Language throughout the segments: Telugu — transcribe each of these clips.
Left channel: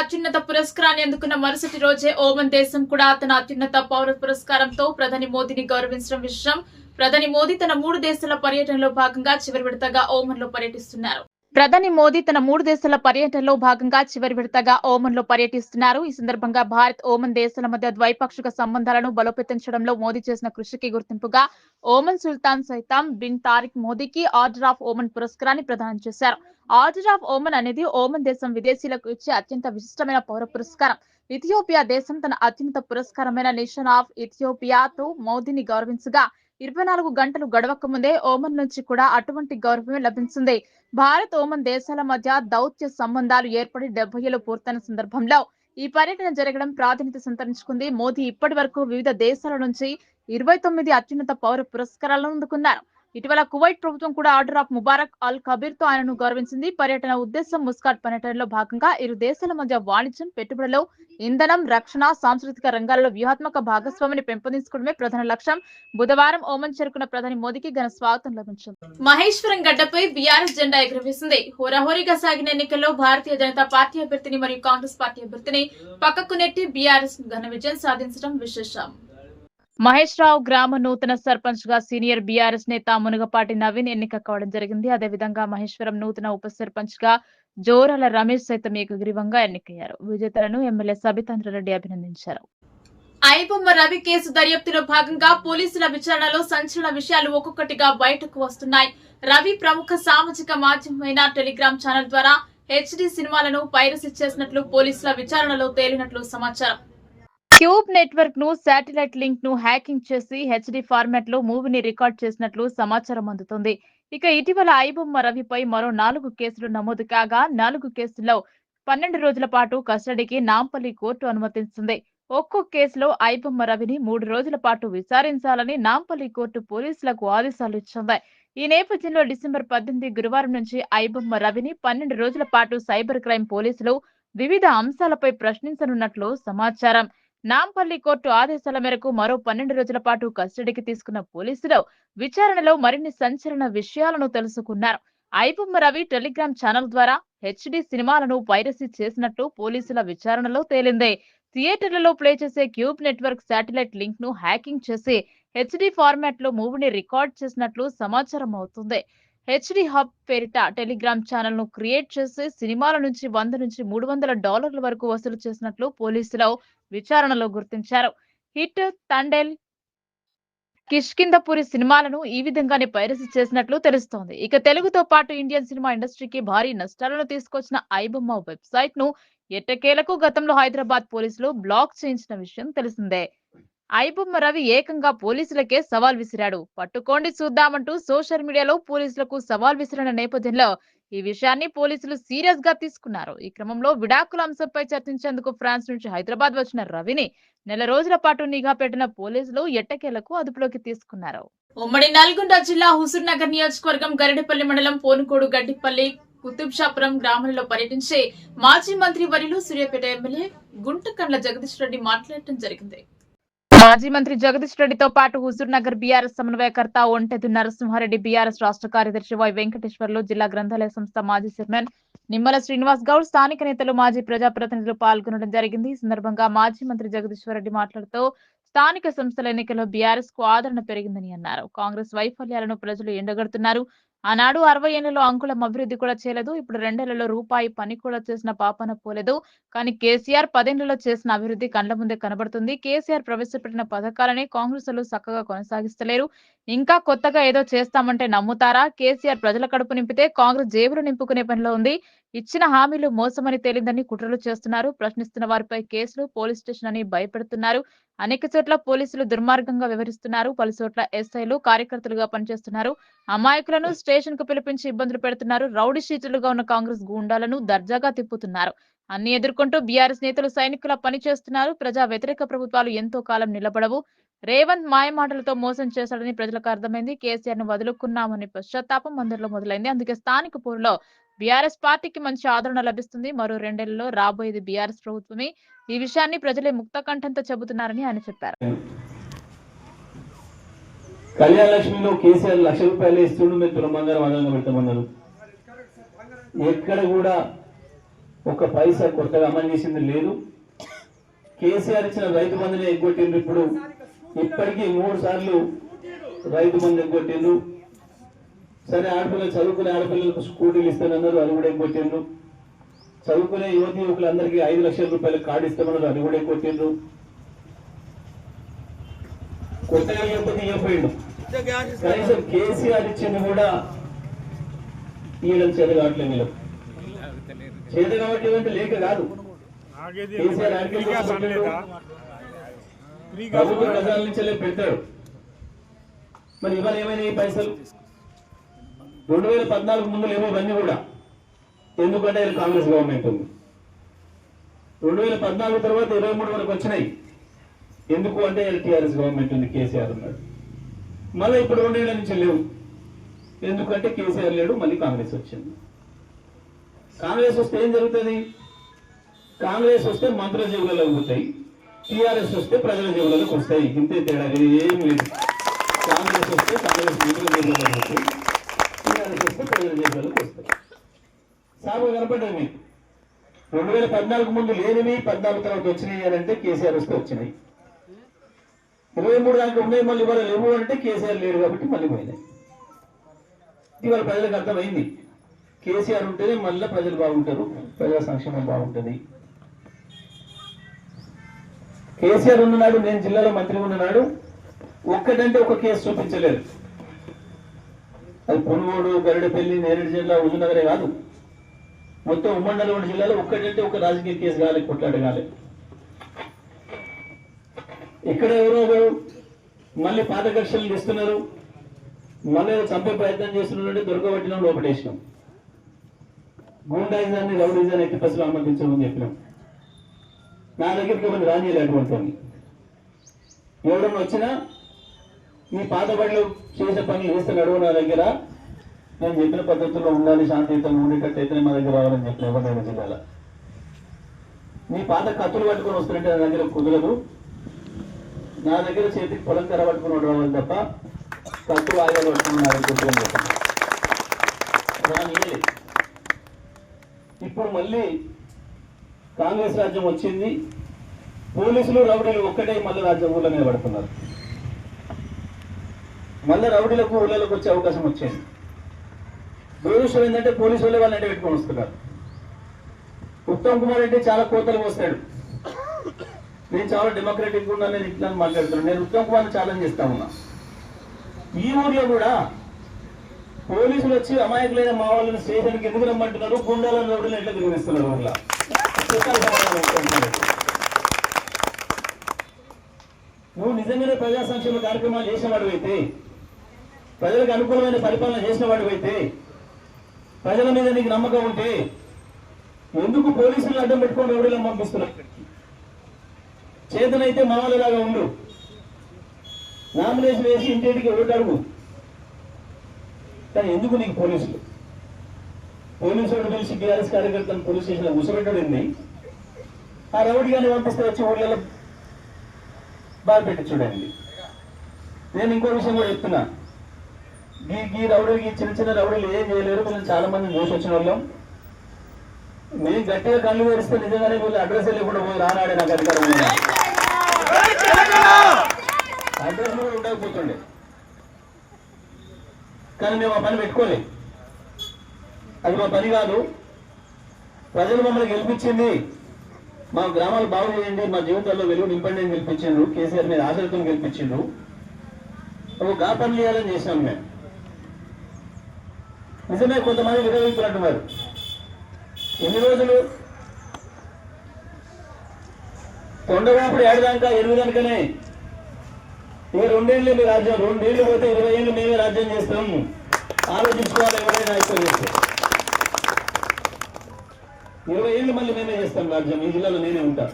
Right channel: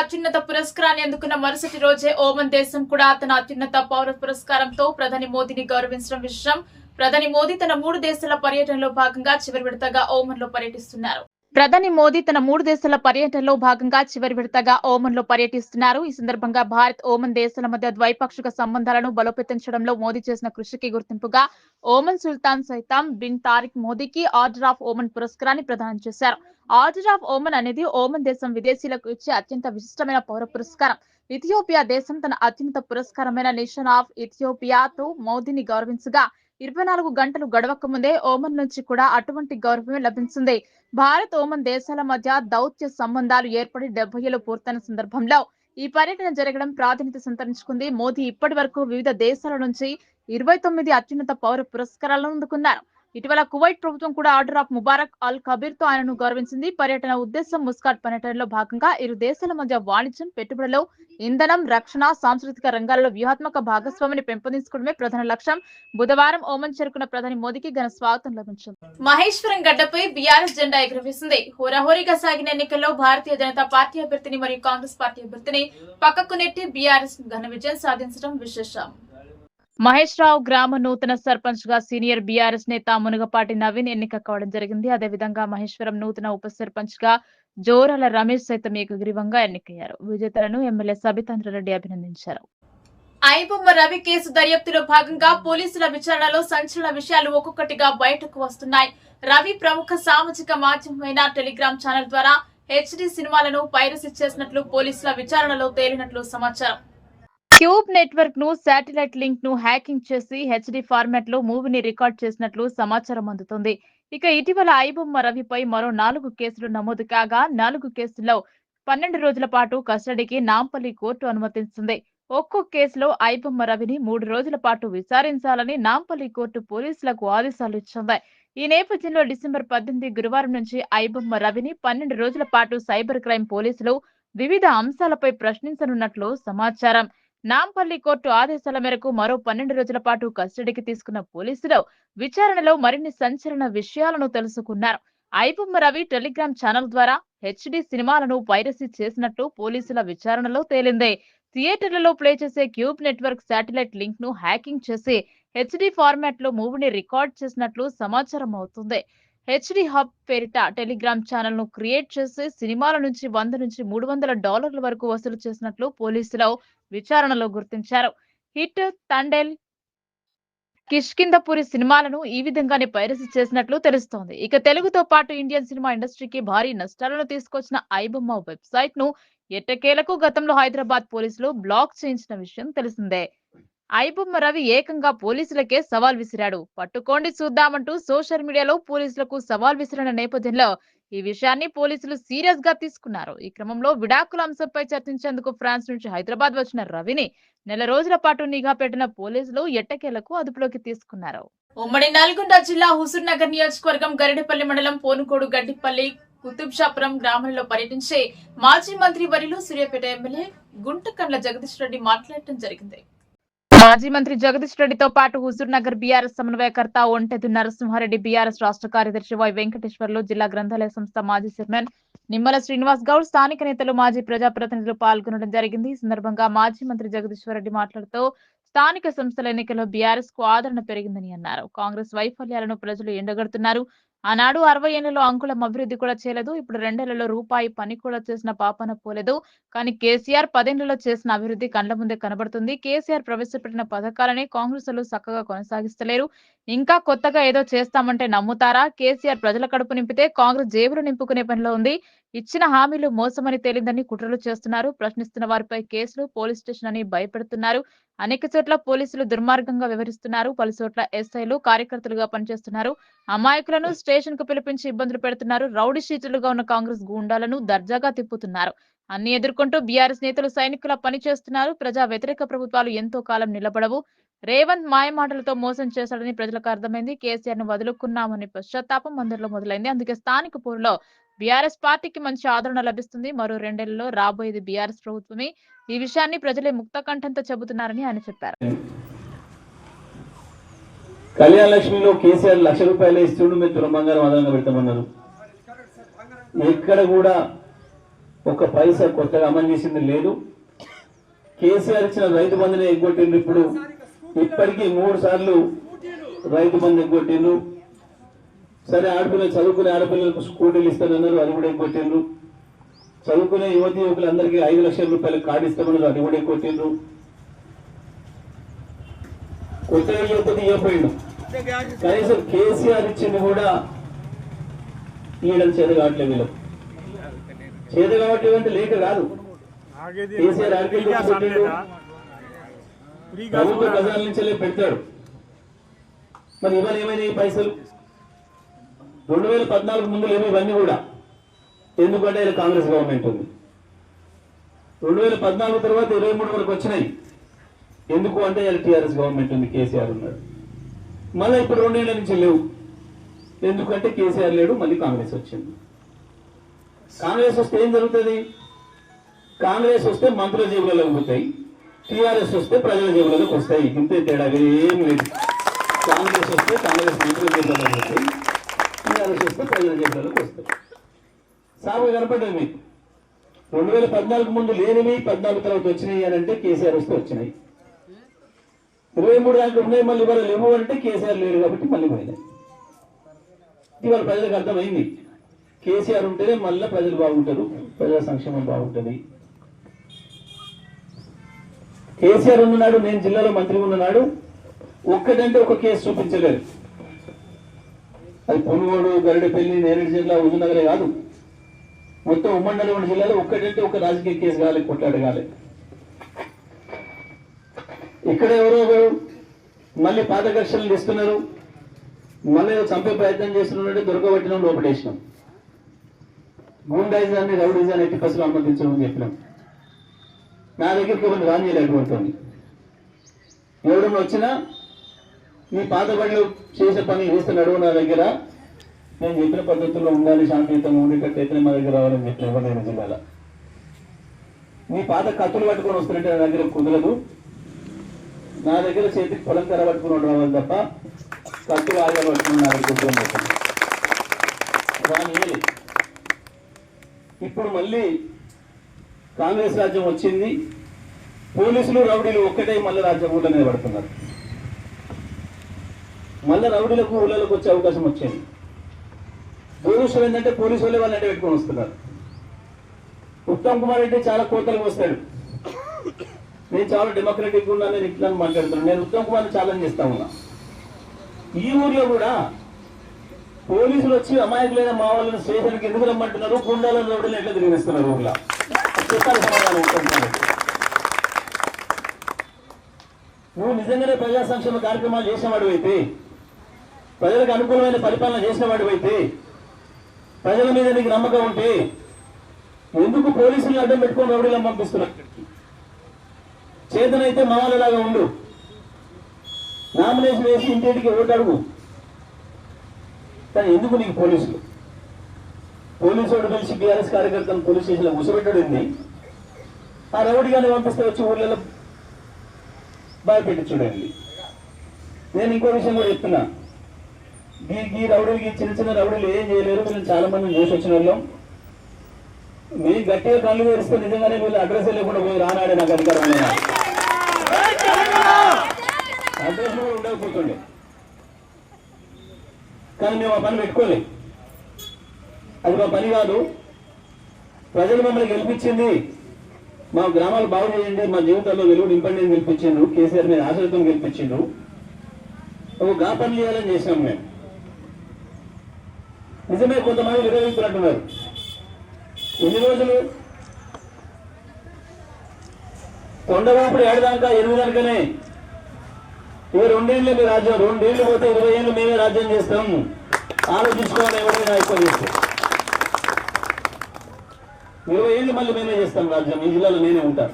అత్యున్నత పురస్కారాన్ని అందుకున్న మరుసటి రోజే ఓమన్ దేశం కూడా తన అత్యున్నత పౌర పురస్కారంతో ప్రధాని మోదీని గౌరవించడం విషయం. ప్రధాని మోదీ తన 3 దేశాల పర్యటనలో భాగంగా చివరి విడతగా ఓమన్ లో పర్యటిస్తున్నారు. ఈ సందర్భంగా భారత్ ఓమన్ దేశాల మధ్య ద్వైపాక్షిక సంబంధాలను బలోపేతించడంలో మోదీ చేసిన కృషికి గుర్తింపుగా ఓమన్ సుల్తాన్ సైతాం బిన్ తారిక్ మోదీకి ఆర్డర్ ఆఫ్ ఓమన్ పురస్కారాన్ని ప్రదానం చేశారు. ఆర్డర్ ఆఫ్ ఓమన్ అనేది ఓమన్ దేశం విదేశీయులకు ఇచ్చే అత్యంత విశిష్టమైన పౌర పురస్కారం. ఇథియోపియా దేశం తన అత్యున్నత పురస్కారమైన నేషన్ ఆఫ్ ఇథియోపియాతో మోదీని గౌరవించగా 24 గంటలు గడవక ముందే ఓమన్ నుంచి కూడా అటువంటి గౌరవమే లభించింది. భారత్ ఓమన్ దేశాల మధ్య దౌత్య సంబంధాలు ఏర్పడి 70 ఏళ్లు పూర్తయిన సందర్భంలో ఈ పర్యటన జరగడం ప్రాధాన్యత సంతరించుకుంది. మోదీ ఇప్పటి వరకు వివిధ దేశాల నుంచి 29 అత్యున్నత పౌర పురస్కారాలను అందుకున్నారు. ఇటీవల కువైట్ ప్రభుత్వం కూడా ఆర్డర్ ఆఫ్ ముబారక్ అల్ కబీర్ తో ఆయనను గౌరవించింది. పర్యటన ఉద్దేశం ముస్కాట్ పర్యటనలో భాగంగా ఇరు దేశాల మధ్య వాణిజ్యం, పెట్టుబడులు, ఇంధనం, రక్షణ, సాంస్కృతిక రంగాలలో వ్యూహాత్మక భాగస్వామిని పెంపొందించుకోవడమే ప్రధాన లక్ష్యం. బుధవారం ఓమన్ చేరుకున్న ప్రధాని మోదీకి ఘన స్వాగతం లభించింది. మహేశ్వరం గడ్డపై బీఆర్ఎస్ జెండా ఎగురవేసింది. హోరాహోరీగా సాగిన ఎన్నికల్లో భారతీయ జనతా పార్టీ అభ్యర్థిని మరియు కాంగ్రెస్ పార్టీ అభ్యర్థిని పక్కకు నెట్టి బీఆర్ఎస్ ఘన విజయం సాధించడం విశేషం. మహేశ్రావు గ్రామ నూతన సర్పంచ్ గా సీనియర్ బీఆర్ఎస్ నేత మునగపాటి నవీన్ ఎన్నిక కావడం జరిగింది. అదేవిధంగా మహేశ్వరం నూతన ఉప సర్పంచ్ గా జోరాల రమేష్ సైతం ఏకగ్రీవంగా ఎన్నికయ్యారు. విజేతలను ఎమ్మెల్యే సబితాంద్రరెడ్డి అభినందించారు. ఐబొమ్మ రవి కేసు దర్యాప్తులో భాగంగా పోలీసుల విచారణలో సంచలన విషయాలు ఒక్కొక్కటిగా బయటకు వస్తున్నాయి. రవి ప్రముఖ సామాజిక మాధ్యమమైన టెలిగ్రామ్ ఛానల్ ద్వారా హెచ్డి సినిమాలను పైరసీ చేసినట్లు పోలీసుల విచారణలో తేలినట్లు సమాచారం. క్యూబ్ నెట్వర్క్ ను శాటిలైట్ లింక్ ను హ్యాకింగ్ చేసి హెచ్డి ఫార్మాట్ లో మూవీని రికార్డ్ చేసినట్లు సమాచారం అందుతుంది. ఇక ఇటీవల ఐబొమ్మ రవిపై మరో 4 కేసులు నమోదు కాగా 4 కేసుల్లో 12 రోజుల పాటు కస్టడీకి నాంపల్లి కోర్టు అనుమతిస్తుంది. ఒక్కో కేసులో ఐబొమ్మ రవిని 3 రోజుల పాటు విచారించాలని నాంపల్లి కోర్టు పోలీసులకు ఆదేశాలు ఇచ్చింది. ఈ నేపథ్యంలో డిసెంబర్ 18 గురువారం నుంచి ఐబొమ్మ రవిని 12 రోజుల పాటు సైబర్ క్రైమ్ పోలీసులు వివిధ అంశాలపై ప్రశ్నించనున్నట్లు సమాచారం. నాంపల్లి కోర్టు ఆదేశాల మేరకు మరో 12 రోజుల పాటు కస్టడీకి తీసుకున్న పోలీసులు విచారణలో మరిన్ని సంచలన విషయాలను తెలుసుకున్నారు. ఐబొమ్మ రవి టెలిగ్రామ్ ఛానల్ ద్వారా హెచ్డి సినిమాలను పైరసీ చేసినట్లు పోలీసుల విచారణలో తేలింది. థియేటర్లలో ప్లే చేసే క్యూబ్ నెట్వర్క్ శాటిలైట్ లింక్ ను హ్యాకింగ్ చేసి హెచ్డి ఫార్మాట్ లో మూవీని రికార్డ్ చేసినట్లు సమాచారం అవుతుంది. హెచ్డి హబ్ పేరిట టెలిగ్రామ్ ఛానల్ ను క్రియేట్ చేసి సినిమాల నుంచి $100 నుంచి $300 వరకు వసూలు చేసినట్లు పోలీసులు విచారణలో గుర్తించారు. హిట్, తండేల్, కిష్కిందపురి సినిమాలను ఈ విధంగానే పైరసీ చేసినట్లు తెలుస్తోంది. ఇక తెలుగుతో పాటు ఇండియన్ సినిమా ఇండస్ట్రీకి భారీ నష్టాలను తీసుకొచ్చిన ఐబొమ్మ వెబ్సైట్ ను ఎట్టకేలకు గతంలో హైదరాబాద్ పోలీసులు బ్లాక్ చేయించిన విషయం తెలిసిందే. ఐబొమ్మ రవి ఏకంగా పోలీసులకే సవాల్ విసిరాడు. పట్టుకోండి చూద్దామంటూ సోషల్ మీడియాలో పోలీసులకు సవాల్ విసిరిన నేపథ్యంలో ఈ విషయాన్ని పోలీసులు సీరియస్ గా తీసుకున్నారు. ఈ క్రమంలో విడాకుల అంశంపై చర్చించేందుకు ఫ్రాన్స్ నుంచి హైదరాబాద్ వచ్చిన రవిని నెల రోజుల పాటు నిఘా పెట్టిన పోలీసులు ఎట్టకేలకు అదుపులోకి తీసుకున్నారు. ఉమ్మడి నల్గొండ జిల్లా హుజూర్ నగర్ నియోజకవర్గం గరిడపల్లి మండలం పోనుకోడు గడ్డిపల్లి కుతుబ్షాపురం గ్రామంలో పర్యటించే మాజీ మంత్రి వర్యులు సూర్యాపేట ఎమ్మెల్యే గుంటకండ్ల జగదీష్ రెడ్డి మాట్లాడటం జరిగింది. మాజీ మంత్రి జగదీష్ రెడ్డితో పాటు హుజూర్ నగర్ బీఆర్ఎస్ సమన్వయకర్త ఒంటెదు నరసింహారెడ్డి, బీఆర్ఎస్ రాష్ట్ర కార్యదర్శి వై వెంకటేశ్వర్లు, జిల్లా గ్రంథాలయ సంస్థ మాజీ చైర్మన్ నిమ్మల శ్రీనివాస్ గౌడ్, స్థానిక నేతలు, మాజీ ప్రజాప్రతినిధులు పాల్గొనడం జరిగింది. ఈ సందర్భంగా మాజీ మంత్రి జగదీష్ రెడ్డి మాట్లాడుతూ స్థానిక సంస్థల ఎన్నికల్లో బీఆర్ఎస్ కు ఆదరణ పెరిగిందని అన్నారు. కాంగ్రెస్ వైఫల్యాలను ప్రజలు ఎండగడుతున్నారు. ఆనాడు 60 ఏళ్లలో అంకుళం అభివృద్ధి కూడా చేయలేదు. ఇప్పుడు 2 ఏళ్లలో రూపాయి పని కూడా చేసిన పాపన పోలేదు. కానీ కేసీఆర్ 10 ఏళ్లలో చేసిన అభివృద్ధి కండ్ల ముందే కనబడుతుంది. కేసీఆర్ ప్రవేశపెట్టిన పథకాలనే కాంగ్రెస్ లు చక్కగా కొనసాగిస్తలేరు. ఇంకా కొత్తగా ఏదో చేస్తామంటే నమ్ముతారా? కేసీఆర్ ప్రజల కడుపు నింపితే కాంగ్రెస్ జేబులు నింపుకునే పనిలో ఉంది. ఇచ్చిన హామీలు మోసమని తేలిందని కుట్రలు చేస్తున్నారు. ప్రశ్నిస్తున్న వారిపై కేసులు, పోలీస్ స్టేషన్ అని భయపెడుతున్నారు. అనేక చోట్ల పోలీసులు దుర్మార్గంగా వ్యవహరిస్తున్నారు. పలు చోట్ల ఎస్ఐలు కార్యకర్తలుగా పనిచేస్తున్నారు. అమాయకులను స్టేషన్ కు పిలిపించి ఇబ్బందులు పెడుతున్నారు. రౌడీ షీటర్లుగా ఉన్న కాంగ్రెస్ గూండాలను దర్జాగా తిప్పుతున్నారు. అన్ని ఎదుర్కొంటూ బీఆర్ఎస్ నేతలు సైనికుల పని చేస్తున్నారు. ప్రజా వ్యతిరేక ప్రభుత్వాలు ఎంతో కాలం నిలబడవు. రేవంత్ మాయమాటలతో మోసం చేశాడని ప్రజలకు అర్థమైంది. కేసీఆర్ ను వదులుకున్నామని పశ్చాత్తాపం అందరిలో మొదలైంది. అందుకే స్థానిక పోరులో బీఆర్ఎస్ పార్టీకి మంచి ఆదరణ లభిస్తుంది. మరో 2 ఏళ్లలో రాబోయేది బీఆర్ఎస్ ప్రభుత్వమే. ఈ విషయాన్ని ప్రజలే ముక్త కంఠంతో చెబుతున్నారని ఆయన చెప్పారు. కళ్యాణ లక్ష్మిలో కేసీఆర్ ₹1,00,000 ఇస్తుండు, మేము తులం బంగారం అదనంగా పెడతామన్నారు. ఎక్కడ కూడా ఒక పైసా కొత్తగా అమలు చేసింది లేదు. కేసీఆర్ ఇచ్చిన రైతు బంధుని ఎగ్గొట్టిండ్రు. ఇప్పుడు ఇప్పటికీ 3 సార్లు రైతు బంధు ఎగ్గొట్టిండ్రు. సరే, ఆడపిల్లలు చదువుకునే ఆడపిల్లలకు స్కూటీలు ఇస్తామన్నారు, అది కూడా ఎగ్గొట్టిండ్రు. చదువుకునే యువతి యువకులందరికీ 5 లక్షల రూపాయలు కార్డు ఇస్తామన్నారు, అది కూడా ఎగ్గొట్టిండ్రు. కొత్తగా యువతకి ఇవ్వపోయిండు. కనీసం కేసీఆర్ ఇచ్చింది కూడా ఈయన చేత కావట్లేదు. వీళ్ళు చేత కావట్లేదు అంటే లేక కాదు. కేసీఆర్ ప్రభుత్వ ప్రజల నుంచే పెడతాడు. మరి ఇవాళ ఏమైనా ఈ పైసలు 2014 ముందు ఏమో ఇవన్నీ కూడా, ఎందుకంటే ఇది కాంగ్రెస్ గవర్నమెంట్ ఉంది. 2014 తర్వాత 23 వరకు వచ్చినాయి. ఎందుకు అంటే టీఆర్ఎస్ గవర్నమెంట్ ఉంది, కేసీఆర్ ఉన్నాడు. మళ్ళీ ఇప్పుడు 2 ఏళ్ల నుంచి లేవు. ఎందుకంటే కేసీఆర్ లేడు, మళ్ళీ కాంగ్రెస్ వచ్చింది. కాంగ్రెస్ వస్తే ఏం జరుగుతుంది? కాంగ్రెస్ వస్తే మంత్రుల జేబులలోకి పోతాయి, టీఆర్ఎస్ వస్తే ప్రజల జేబులలోకి వస్తాయి. ఇంతే తేడా, ఏం లేదు. కాంగ్రెస్ వస్తే కాంగ్రెస్ మంత్రుల జేబులలోకి వస్తాయి, టీఆర్ఎస్ వస్తే ప్రజల జేబులలోకి వస్తాయి. సాగు కనపడ్డది మీకు. 2014 ముందు లేనివి 14 తర్వాత వచ్చినాయి అని అంటే కేసీఆర్ వస్తే వచ్చినాయి. 23 దాకా ఉన్నాయి, మళ్ళీ ఇవాళ లేవు అంటే కేసీఆర్ లేడు కాబట్టి మళ్ళీ పోయినాయి. ఇవాళ ప్రజలకు అర్థమైంది, కేసీఆర్ ఉంటేనే మళ్ళీ ప్రజలు బాగుంటారు, ప్రజా సంక్షేమం బాగుంటుంది. కేసీఆర్ ఉన్ననాడు, నేను జిల్లాలో మంత్రి ఉన్ననాడు ఒక్కటంటే ఒక కేసు చూపించలేదు. అది పొనుగోడు, గరిడపల్లి, నేరేడు జిల్లా, హుజూర్నగరే కాదు, మొత్తం ఉమ్మడి నల్గొండ జిల్లాలో ఒక్కటంటే ఒక రాజకీయ కేసు కాలేదు, కొట్లాడు కాలేదు. ఇక్కడ ఎవరో మళ్ళీ పాత కక్షలు ఇస్తున్నారు, మళ్ళీ చంపే ప్రయత్నం చేస్తున్నారంటే దొరకబట్టిన లోపటేసినాం. గూండాయిజాన్ని, రౌడీజాన్ని ఎట్టి పసులు అనుమతించమని చెప్పినాం. నా దగ్గరికి ఎవరిని రానియలేటువంటి ఎవడన్నా వచ్చినా మీ పాత బడిలో చేసే పనులు చేస్తున్నాడు, నా దగ్గర నేను చెప్పిన పద్ధతుల్లో ఉండాలి, శాంతియుతంగా ఉండేటట్టయితే మా దగ్గర రావాలని చెప్పిన ఎవరైనా జిల్లాలో. మీ పాత కత్తులు పట్టుకొని వస్తున్నట్టే నా దగ్గర కుదరదు. నా దగ్గర చేతికి పొలం కర్ర పట్టుకుని రావాలి తప్ప కత్తులు ఆగాలు పట్టుకుని నా దగ్గర రానియలేదు. ఇప్పుడు మళ్ళీ కాంగ్రెస్ రాజ్యం వచ్చింది. పోలీసులు రౌడీలు ఒక్కటే మళ్ళీ రాజ్యం ఊళ్ళో నిలబడుతున్నారు. మళ్ళీ రౌడీలకు ఊళ్ళలోకి వచ్చే అవకాశం వచ్చింది. దురదృష్టం ఏంటంటే పోలీసు వాళ్ళే వాళ్ళంటే పెట్టుకొని వస్తున్నారు. ఉత్తమ్ కుమార్ రెడ్డి చాలా కోతలు వస్తాడు. నేను చాలా డెమోక్రటిక్ ఉన్నా, నేను ఇట్లా మాట్లాడుతున్నాను. నేను ఉత్తమ్ కుమార్ని ఛాలెంజ్ చేస్తా ఉన్నా. ఈ ఊర్లో కూడా పోలీసులు వచ్చి అమాయకులైన మా వాళ్ళని స్టేషన్కి ఎందుకు రమ్మంటున్నారు, గుండాలను రౌడీలు ఎట్లా తిరిగిస్తున్నారు ఊళ్ళో నువ్వు నిజంగానే ప్రజా సంక్షేమ కార్యక్రమాలు చేసిన వాడు అయితే, ప్రజలకు అనుకూలమైన పరిపాలన చేసిన వాడు అయితే, ప్రజల మీద నీకు నమ్మకం ఉంటే ఎందుకు పోలీసులు అడ్డం పెట్టుకొని రౌడీలను పంపిస్తున్నారు? చేతనైతే మా వాళ్ళలాగా ఉండు, నామినేషన్ వేసి ఇంటింటికి ఓటు అడుగు. కానీ ఎందుకు నీకు పోలీసులు? పోలీసు వాడు కలిసి టీఆర్ఎస్ కార్యకర్తలను పోలీస్ స్టేషన్లో కూర్చోబెట్టడింది. ఆ రౌడీగానే పంపిస్తే వచ్చి ఊళ్ళలో బాగా పెట్టి చూడండి. నేను ఇంకో విషయం కూడా చెప్తున్నా, ఈ రౌడీలకి చిన్న చిన్న రౌడీలు ఏం చేయలేరు. వీళ్ళు చాలా మంది చూసి వచ్చిన వాళ్ళం. మేము గట్టిగా కళ్ళు వేరిస్తే నిజంగానే వీళ్ళు అడ్రస్ లేకుండా పోయి రానాడే నాకు అధికారం అడ్రస్ కూడా ఉండకపోతుండే. కానీ మేము ఆ పని పెట్టుకోలేదు. అది మా పని కాదు. ప్రజలు మమ్మల్ని గెలిపించింది, మా గ్రామాలు బాగు చేయండి, మా జీవితాల్లో వెలుగు నింపండి అని గెలిపించిండ్రు. కేసీఆర్ మీద ఆశలతో గెలిపించిండ్రు. ఒక గా పని చేయాలని చేసినాం మేము. నిజమే, కొంతమంది విడదీస్తున్నట్టున్నారు. ఎన్ని రోజులు కొండవాపుడు ఏడదాకా 8 నెలలకనే ఇక 2 ఏళ్ళు మీ రాజ్యం, 2 ఏళ్ళు పోతే 20 ఏళ్ళు మేమే రాజ్యం చేస్తాం. ఆలోచించుకోవాలి ఎవరైనా ఎక్కువ చేస్తే. 20 ఏళ్ళు మళ్ళీ మేమే చేస్తాం రాజ్యం. ఈ జిల్లాలో నేనే ఉంటా.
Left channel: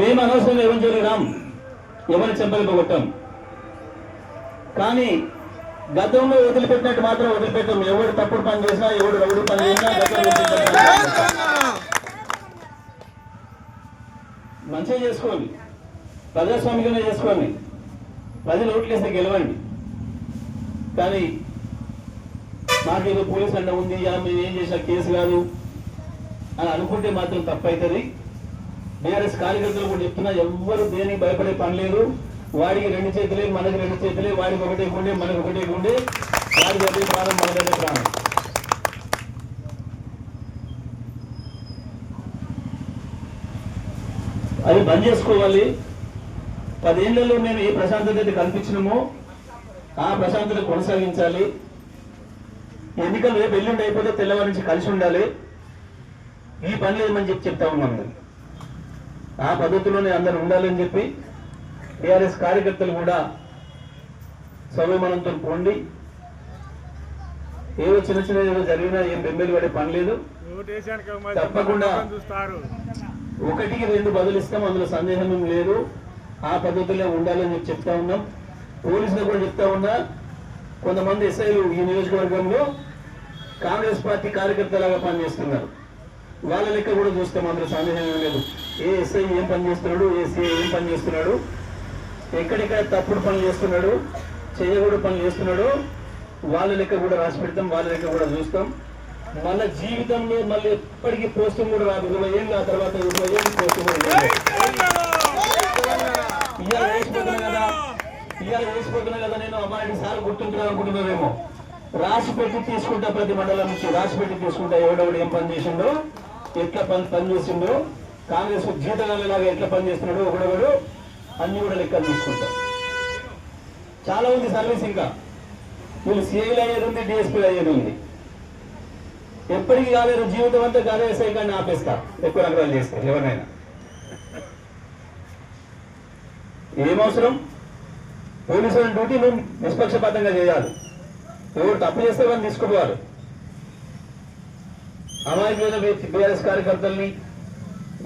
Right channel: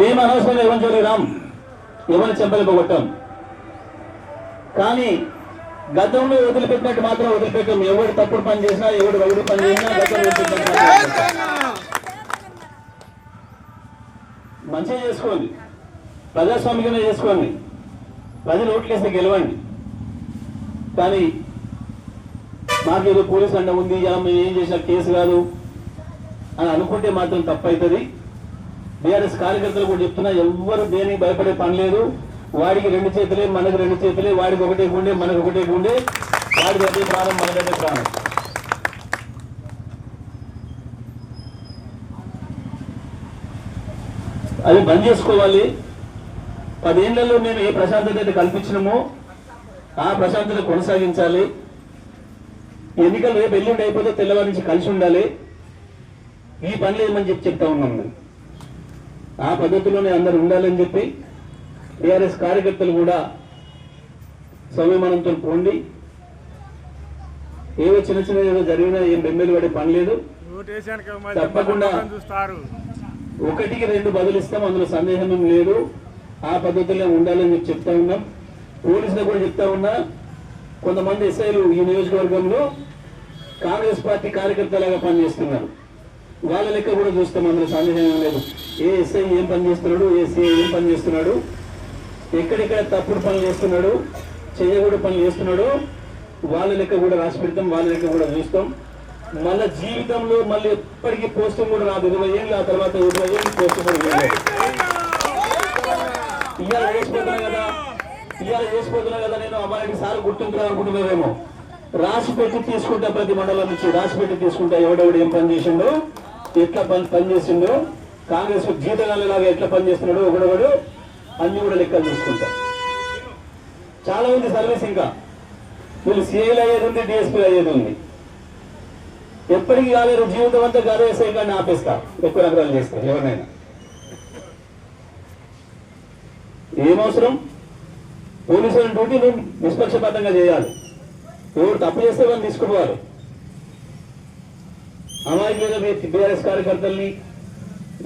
మేము అనవసరంగా ఎవరిని జరిగినాం, ఎవరిని చెంపలిపోగొట్టాం. కానీ గతంలో వదిలిపెట్టినట్టు మాత్రం వదిలిపెట్టాం. ఎవడు తప్పుడు పని చేసినా, ఎవడు రౌడీ పని చేసినా మంచిగా చేసుకోండి, ప్రజాస్వామ్యంగానే చేసుకోండి, ప్రజలు ఓట్లేస్తే గెలవండి. కానీ మాకేదో పోలీసు అండ ఉంది మేము ఏం చేసినా కేసు కాదు అని అనుకుంటే మాత్రం తప్పవుతుంది. బీఆర్ఎస్ కార్యకర్తలు కూడా చెప్తున్నా, ఎవ్వరు దేనికి భయపడే పని లేదు. వాడికి 2 చేతులే, మనకు 2 చేతులే, వాడికి ఒకటే గుండె, మనకు ఒకటే గుండె, వాడికి ఒకటే ప్రాణం, మనకంటే ప్రాణం. అది బంద్ చేసుకోవాలి. 10 ఏళ్లలో మేము ఏ ప్రశాంతత అయితే కల్పించినామో ఆ ప్రశాంతత కొనసాగించాలి. ఎన్నికలు రేపు ఎల్లుండి అయిపోతే తెల్లవారి నుంచి కలిసి ఉండాలి. ఈ పని ఏమని చెప్తా ఉన్నాం. ఆ పద్ధతిలోనే అందరూ ఉండాలని చెప్పి టీఆర్ఎస్ కార్యకర్తలు కూడా సంయమనంతో పోండి. ఏవో చిన్న చిన్న ఏదో జరిగినా ఏం బెంబేలు పడే పని లేదు. తప్పకుండా 1కి 2 బదులిస్తాం, అందులో సందేహం ఏం లేదు. ఆ పద్ధతిలో ఉండాలని చెప్పి చెప్తా ఉన్నాం. పోలీసులకు కూడా చెప్తా ఉన్నా, కొంతమంది ఎస్ఐలు ఈ నియోజకవర్గంలో కాంగ్రెస్ పార్టీ కార్యకర్తలాగా పనిచేస్తున్నారు. వాళ్ళ లెక్క కూడా చూస్తాం, అందులో సందేహం ఏం లేదు. ఏ ఎస్ఐ ఏం పని చేస్తున్నాడు, ఏ సిఐ ఏం పని చేస్తున్నాడు, ఎక్కడెక్కడ తప్పుడు పనులు చేస్తున్నాడు, చేయకూడదు పనులు చేస్తున్నాడు, వాళ్ళ లెక్క కూడా రాసి పెడతాం, వాళ్ళ లెక్క కూడా చూస్తాం. మళ్ళీ జీవితంలో మళ్ళీ ఎప్పటికీ పోస్టింగ్ కూడా రాదు. 20 ఏళ్ళు ఆ తర్వాత 20 ఏళ్ళు పోస్టింగ్ ఇవాళ వేసిపోతున్నా కదా నేను అమ్మాయి సార్ గుర్తుంటున్నా అనుకుంటున్నారేమో. రాసి పెట్టి తీసుకుంటా, ప్రతి మండలం నుంచి రాసి పెట్టి తీసుకుంటా. ఎవడెవడు ఏం పని చేసిండో, ఎట్లా పని చేసిండో, కాంగ్రెస్ జీతగాళ్ళలాగా ఎట్లా పని చేస్తున్నాడో ఒకడొకడు అన్ని కూడా లెక్క తీసుకుంటా. చాలా మంది సర్వీస్ ఇంకా వీళ్ళు సిఐలు అయ్యేది ఉంది, డిఎస్పీలు అయ్యేది ఉంది. ఎప్పటికీ కాలేరు, జీవితం అంతా గారేసే కానీ ఆపేస్తా ఎక్కువ రకాలు చేస్తే ఎవరినైనా. ఏమవసరం? పోలీసుల డ్యూటీ నువ్వు నిష్పక్షపాతంగా చేయాలి. ఎవరు తప్పు చేస్తే వాళ్ళు తీసుకుపోవాలి. అమాయకులైన టీఆర్ఎస్ కార్యకర్తల్ని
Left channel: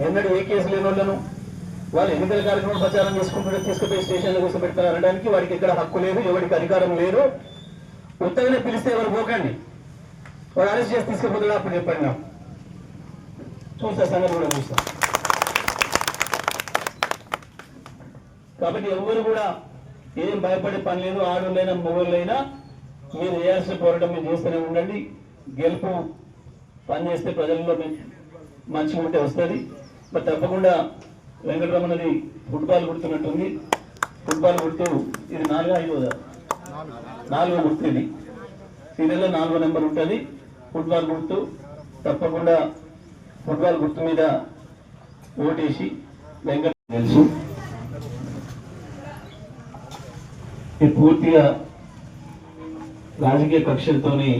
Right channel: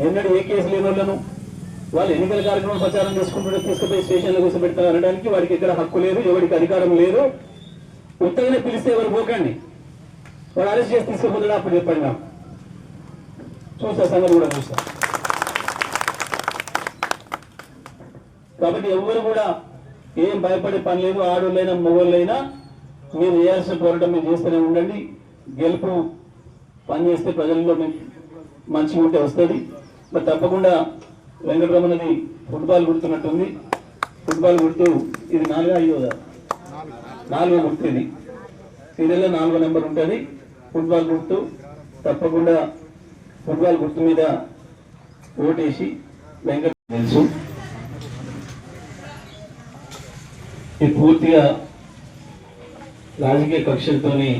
ఎన్నడూ ఏ కేసు లేని వాళ్ళను వాళ్ళు ఎన్నికల కార్యక్రమం ప్రచారం చేసుకుంటుంటే తీసుకుపోయి స్టేషన్లో కూర్చోబెడతారు అనడానికి వాడికి ఇక్కడ హక్కు లేదు, ఎవరికి అధికారం లేదు. ఉత్తగానే పిలిస్తే ఎవరు పోకండి, వాడు అరెస్ట్ చేసి తీసుకుపోతాడు. అప్పుడు చెప్పండి, నాకు చూస్తా, సంగతి కూడా చూస్తా. కాబట్టి ఎవరు కూడా ఏం భయపడే పని లేదు. ఆడోళ్ళైనా మొగోళ్ళైనా మీరు చేయాల్సిన పోరాటం మీరు చేస్తూనే ఉండండి. గెలుపు పని చేస్తే ప్రజల్లో మంచిగా ఉంటే వస్తుంది. మరి తప్పకుండా వెంకటరమణది ఫుట్బాల్ గుర్తున్నట్టుంది. ఫుట్బాల్ గుర్తు ఇది 4వ గుర్తు. ఇది సీరియల్లో 4వ నెంబర్ ఉంటుంది. ఫుట్బాల్ గుర్తు తప్పకుండా ఫుట్బాల్ గుర్తు మీద ఓటేసి వెంకట తెలుసు ఇది పూర్తిగా రాజకీయ కక్షలతోని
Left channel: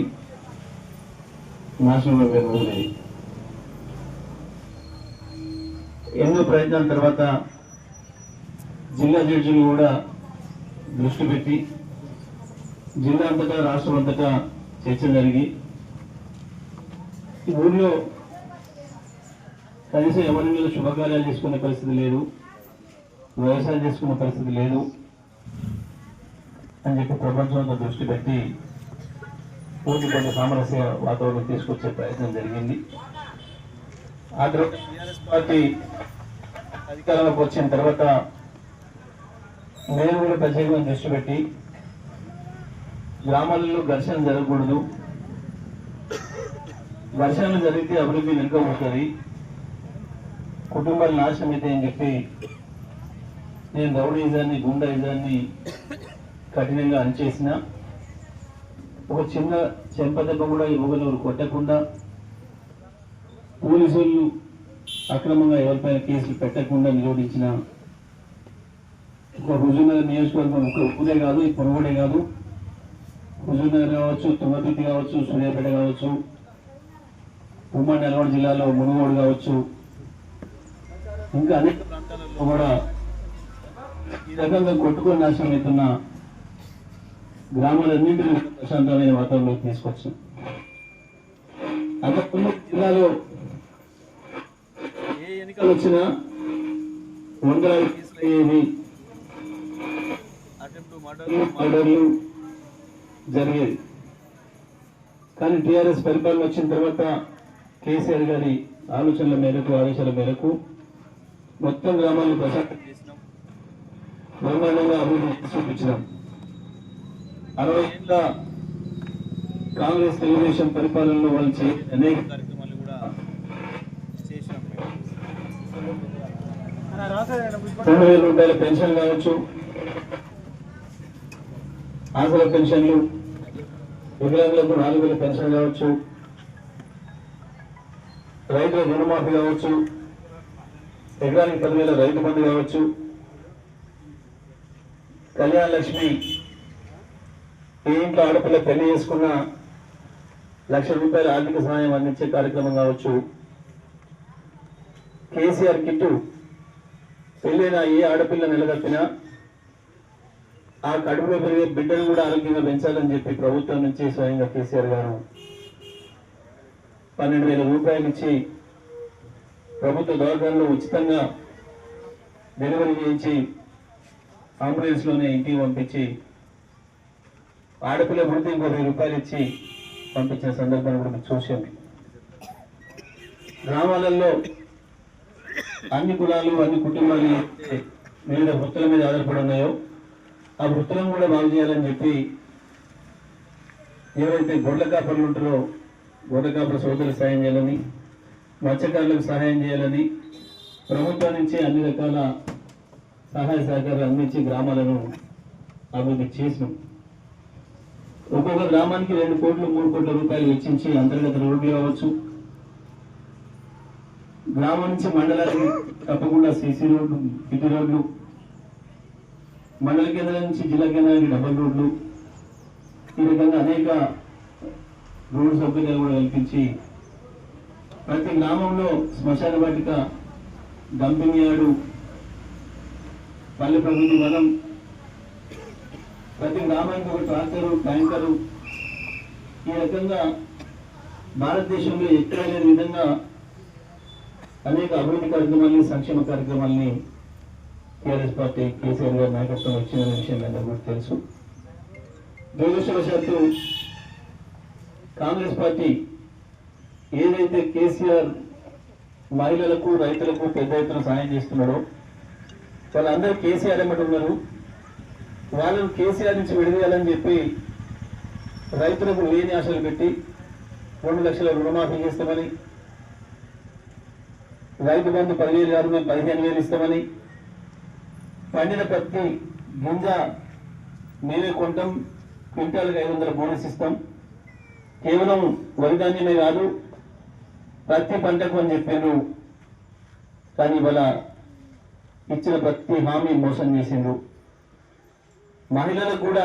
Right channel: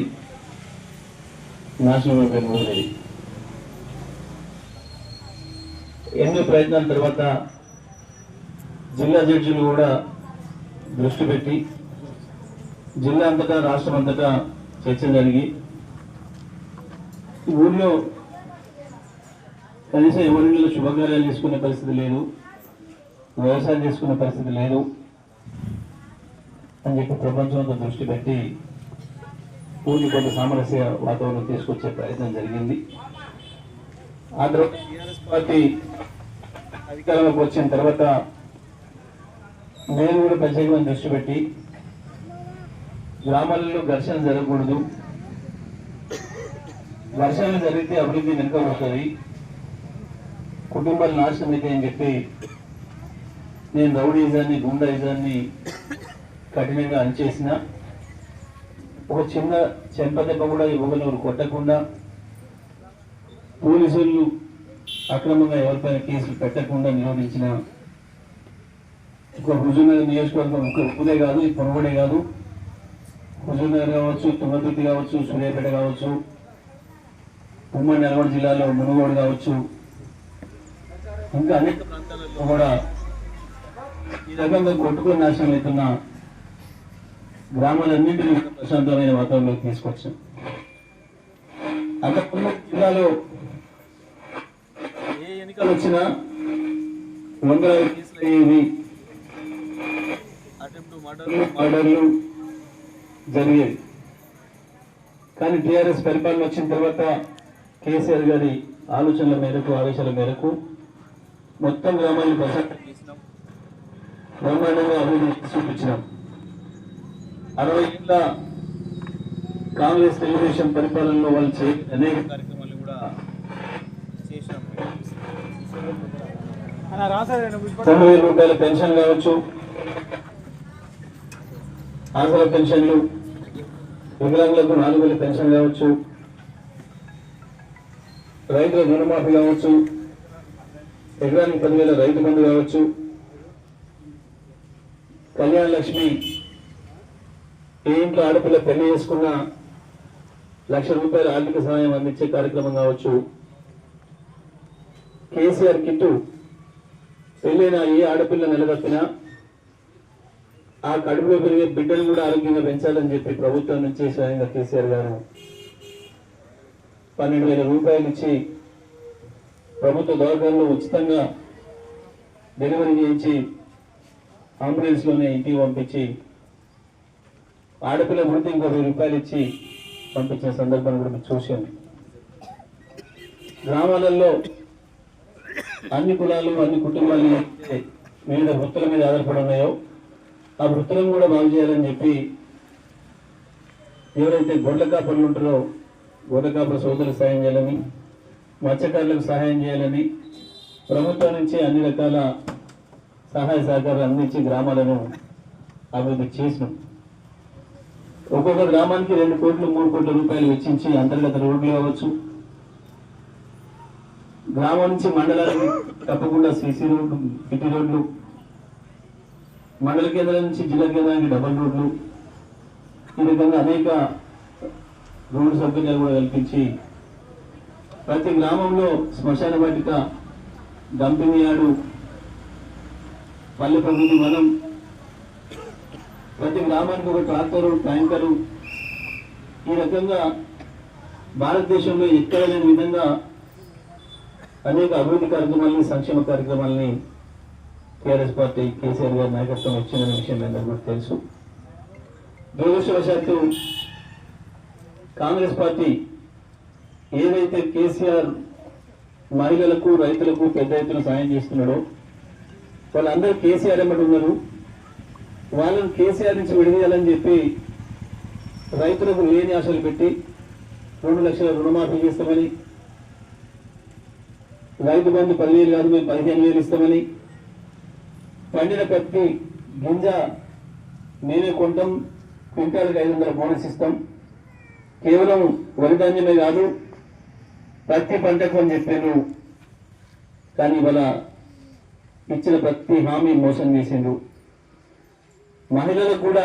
నాశనం అయిపోయింది. ఎన్నో ప్రయత్నాల తర్వాత జిల్లా జడ్జిలు కూడా దృష్టి పెట్టి జిల్లా అంతటా రాష్ట్రం అంతటా చర్చ జరిగి ఈ ఊళ్ళో కనీసం ఎవరిలో శుభకార్యాలు చేసుకునే పరిస్థితి లేదు, వ్యవసాయం చేసుకునే పరిస్థితి లేదు అని చెప్పి ప్రపంచంతో దృష్టి పెట్టి కొన్ని సామరస్య వాతావరణం తీసుకొచ్చే ప్రయత్నం జరిగింది. ఆ తర్వాత టీఆర్ఎస్ పార్టీ అధికారంలోకి వచ్చిన తర్వాత నేను కూడా ప్రత్యేకమైన దృష్టి పెట్టి గ్రామాలలో ఘర్షణ జరగకూడదు, ఘర్షణలు జరిగితే అభివృద్ధి వెనుకపోతుంది, కుటుంబాలు నాశనం అయితే అని చెప్పి నేను రౌడీజాన్ని గుండాయిజాన్ని కఠినంగా అణచేసిన. ఒక చిన్న చెంపదెబ్బ కూడా ఇవ్వగలరు కొట్టకుండా, పోలీసులు అక్రమంగా ఎవరిపైన కేసులు పెట్టకుండా నిరోధించిన ఒక హుజూర్నగర్ నియోజకవర్గం ఉప్పుదే కాదు, ఈ పొరవడే కాదు, హుజూర్నగర్ కావచ్చు, తుంగతుర్తి కావచ్చు, సూర్యాపేట కావచ్చు, ఉమ్మడి నల్గొండ జిల్లాలో మునుగోడు కావచ్చు, ఇంకా అనేక ప్రాంతాలలో కూడా ఈ రకంగా కొట్టుకొని నాశనం అవుతున్న గ్రామాలన్నింటినీ ప్రశాంతమైన వాతావరణంలోకి తీసుకొచ్చాం. అంతకుముందు జిల్లాలో ఏ ఎన్నికలు వచ్చినా వందల కేసులు అయ్యేవి, మర్డర్లు జరిగేది. కానీ టీఆర్ఎస్ పరిపాలన వచ్చిన తర్వాత కేసీఆర్ గారి ఆలోచనల మేరకు ఆదేశాల మేరకు మొత్తం గ్రామాన్ని ప్రశాంతం చేసినాం, బ్రహ్మాండంగా అభివృద్ధి చూపించినాం. 60 ఏళ్ళ కాంగ్రెస్ తెలుగుదేశం పరిపాలనలో వాళ్ళు అనేక కార్యక్రమాలు కూడా చేశాం. 9,000 రూపాయల పెన్షన్ కావచ్చు, ఆసరా పెన్షన్లు, వికలాంగులకు 4,000 పెన్షన్ కావచ్చు, రైతుల రుణమాఫీ కావచ్చు, ఎకరానికి 10,000 రైతు బంధు కావచ్చు, కళ్యాణ లక్ష్మి, ఏ ఇంట్లో ఆడపిల్ల పెళ్లి చేసుకున్న 1,00,000 రూపాయల ఆర్థిక సహాయం అందించే కార్యక్రమం కావచ్చు, కేసీఆర్ కిట్టు, పెళ్ళైన ఏ ఆడపిల్ల నిలదప్పినా ఆ కడుపులో పెరిగే బిడ్డలు కూడా ఆరోగ్యంగా పెంచాలని చెప్పి ప్రభుత్వం నుంచి స్వయంగా కేసీఆర్ గారు 12,000 రూపాయలు ఇచ్చి ప్రభుత్వ దవాఖానలో ఉచితంగా డెలివరీ చేయించి అంబులెన్స్లోనే ఇంటికి పంపించి ఆడపిల్ల పుడితే ఇంకో 1,000 రూపాయలు ఇచ్చి పంపించిన సందర్భం కూడా మేము చూసాం. గ్రామాలలో అన్ని కులాలు అన్ని కుటుంబాలు వివిధ వృత్తుల మీద ఆధారపడి ఉన్నాయో ఆ వృత్తులను కూడా బాగు చేయాలని చెప్పి ఎవరైతే గొడ్ల కాపర్లు ఉంటారో గొడ్ల కాపర సోదరులకు సహాయం చేయాలని, మత్స్యకారులకు సహాయం చేయాలని ప్రభుత్వం నుంచి అన్ని రకాల సహాయ సహకారాలు అందించి గ్రామాలను అభివృద్ధి చేసినాం. ఒక్కొక్క గ్రామానికి 2 కోట్లు 3 కోట్ల రూపాయలు వెచ్చించి అంతర్గత రోడ్లు కావచ్చు, గ్రామం నుంచి మండలానికి తప్పకుండా సీసీ రోడ్లు, సిటీ రోడ్లు, మండల కేంద్రం నుంచి జిల్లా కేంద్రానికి డబల్ రోడ్లు, ఈ రకంగా అనేక రోడ్డు సౌకర్యాలు కూడా కల్పించి ప్రతి గ్రామంలో శ్మశాన వాటిక, డంపింగ్ యార్డు, పల్లె ప్రకృతి వనం, ప్రతి గ్రామానికి ఒక ట్రాక్టరు, ట్యాంకరు, ఈ రకంగా భారతదేశంలో ఎక్కడ లేని విధంగా అనేక అభివృద్ధి కార్యక్రమాలని, సంక్షేమ కార్యక్రమాలని టీఆర్ఎస్ పార్టీ కేసీఆర్ గారి నాయకత్వం వచ్చిన విషయం అందరికీ తెలుసు. దురదృష్టవశాత్తు కాంగ్రెస్ పార్టీ ఏదైతే కేసీఆర్ మహిళలకు, రైతులకు పెద్ద ఎత్తున సాయం చేస్తున్నాడో వాళ్ళందరూ కేసీఆర్ ఎమ్మటి ఉన్నారు. వాళ్ళని కేసీఆర్ నుంచి విడదీయాలని చెప్పి రైతులకు లేని ఆశలు పెట్టి 2 లక్షల రుణమాఫీ చేస్తామని, రైతు బంధు 10,000 కాదు మేము 15,000 ఇస్తామని, పండిన ప్రతి గింజ మేమే కొంటాం, క్వింటాల్కి 500 బోనస్ ఇస్తాం, కేవలం వరి ధాన్యమే కాదు ప్రతి పంటకు అని చెప్పారు. కానీ ఇవాళ ఇచ్చిన ప్రతి హామీ మోసం చేసిండ్రు. మహిళలకు కూడా